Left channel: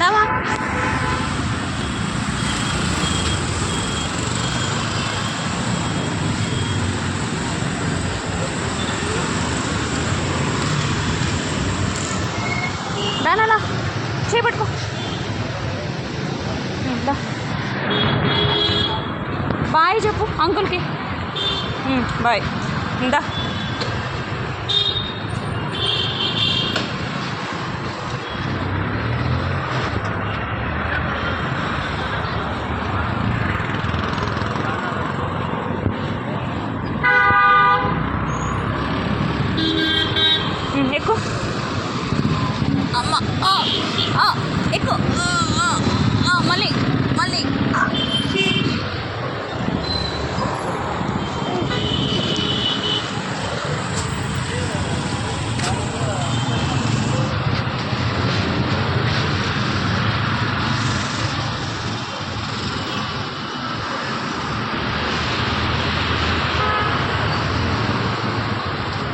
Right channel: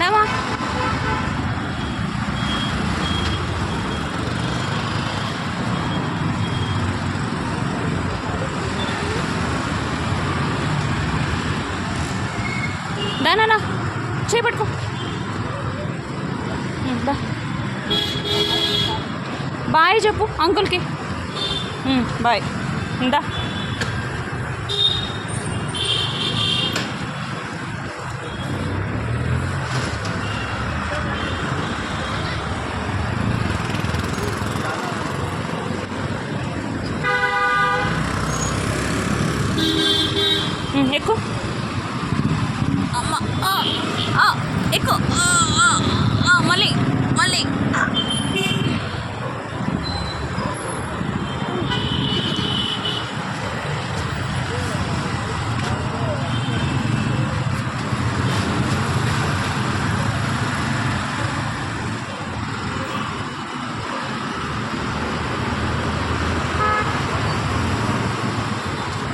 రావా. దానా చేపట్టుకో. బాయ్ చెప్పు అంకుల్కి. బాయ్. ఇందా ఎక్కువ అమ్మ. ఎక్కువ మళ్ళీ మళ్ళీ.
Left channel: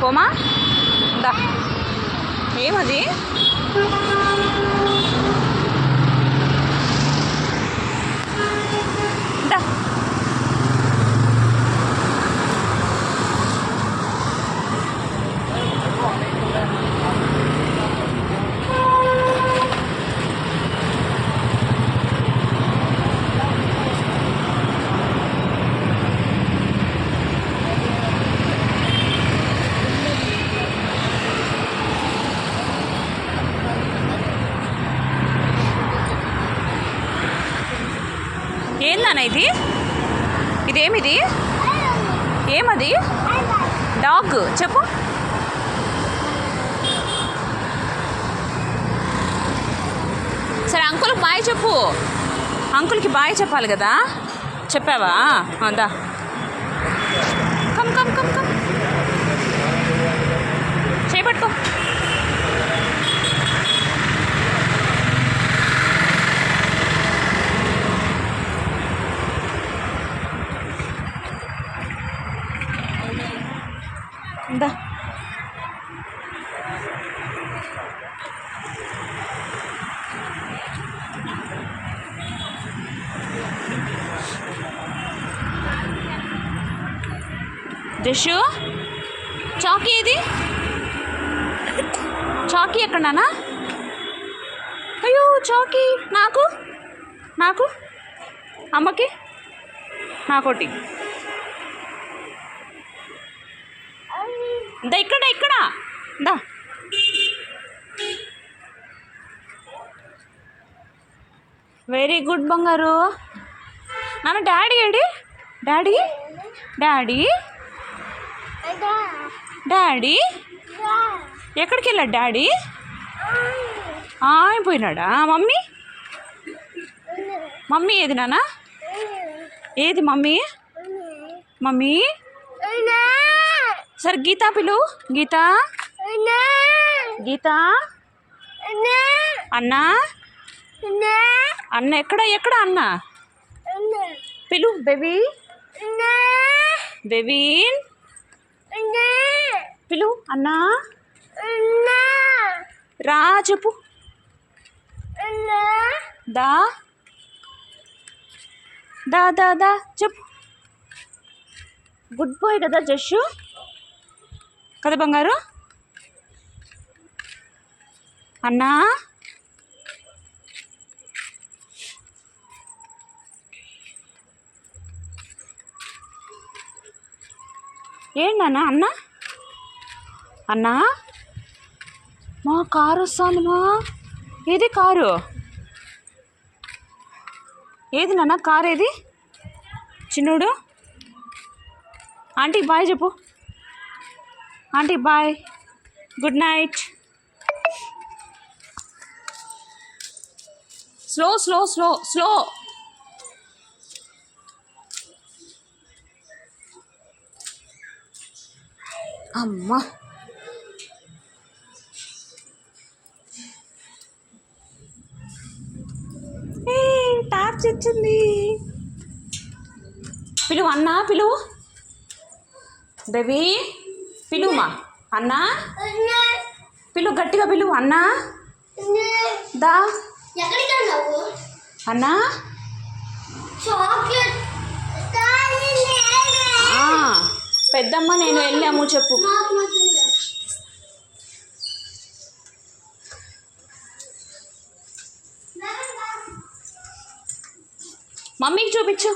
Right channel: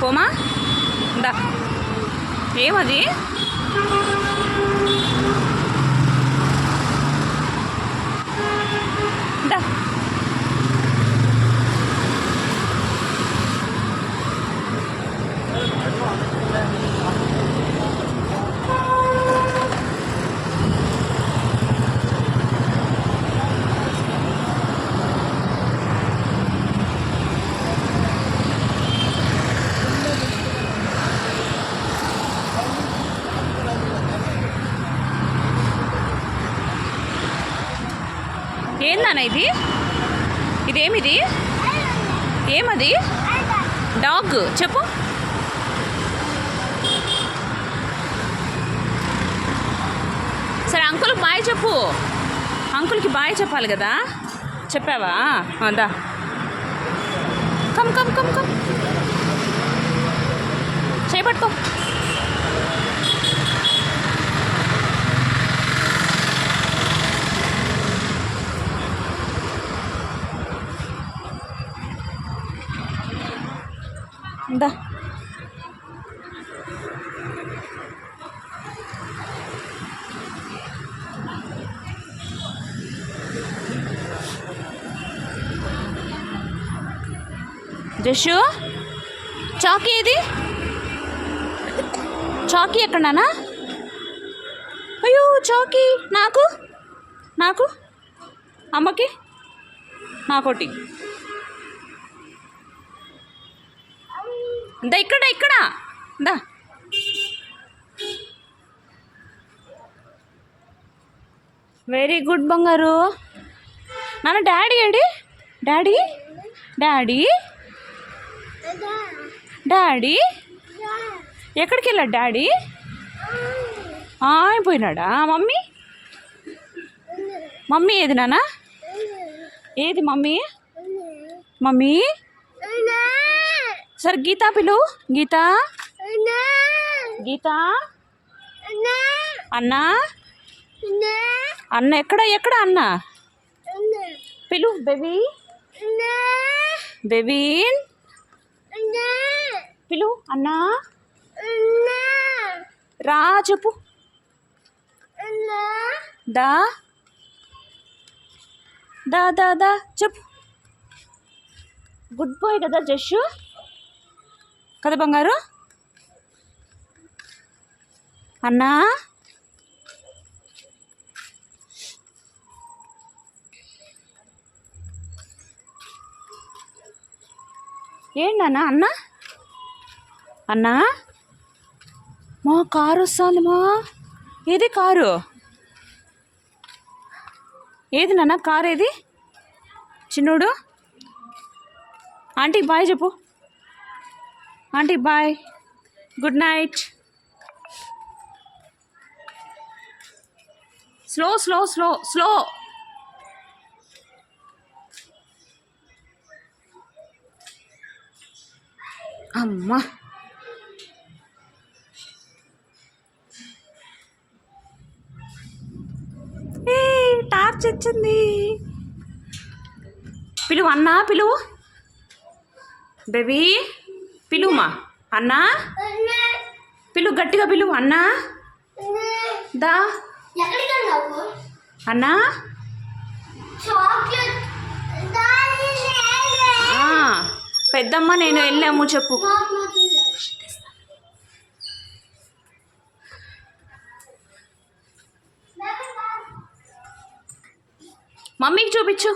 పోమా. దా. ఏమది? దా. ఏందన్నా ఇది? ఇదేమిది? ఏమది? డాగ్ చెప్పు. సరే అంకుల్ బాయ్ చెప్పు. అంకుల్కి బాయ్ చెప్పాలి కదా. చెప్పావా? దా. Come come come come. చేపట్టుకో. దా. జషు చాకీ ఏది? చాకీ ఎక్కడ నాన్న? అయ్యో చాకీ. నాకు నాకు అమ్మకి నాకోటి. దా ఇక్కడ ఇక్కడ దా. వెరీ గుడ్ బంగారు. నాన్న daddy AD? Daddy daddy daddy ఎక్కడికి వెళ్ళాడు డాడీ? అయిపోయినాడా? మమ్మీ మమ్మీ ఏది నాన్న? ఏది మమ్మీ? మమ్మీ సరే గీతా పిలు. గీతా గీతా అన్నా అన్న ఎక్కడ ఎక్కడ అన్న పిలు. బేబీ బేబీన్ పిలు. అన్నా రా చెప్పు. దా దా దా దా చెప్పు. గుడ్ బాయ్ కదా జషు కదా బంగారు? అన్నా ఏంటన్నా? అన్నా అన్నా మా కారు వస్తుంది మా. ఏది కారు? ఏది నాన్న కారు ఏది? చిన్నోడు ఆంటీ బాయ్ చెప్పు. Aunty bye, good night. Slow slow slow slow. అమ్మా టార్చ్ వచ్చింది. పిలువు అన్నా పిలువు. బేబీ పిలువుమా. అన్నా పిలువు గట్టిగా పిలువు. అన్నా దా అన్నా పెద్దమ్మ నేను వెళ్ళాము చెప్పు. మమ్మీకి చూపించు.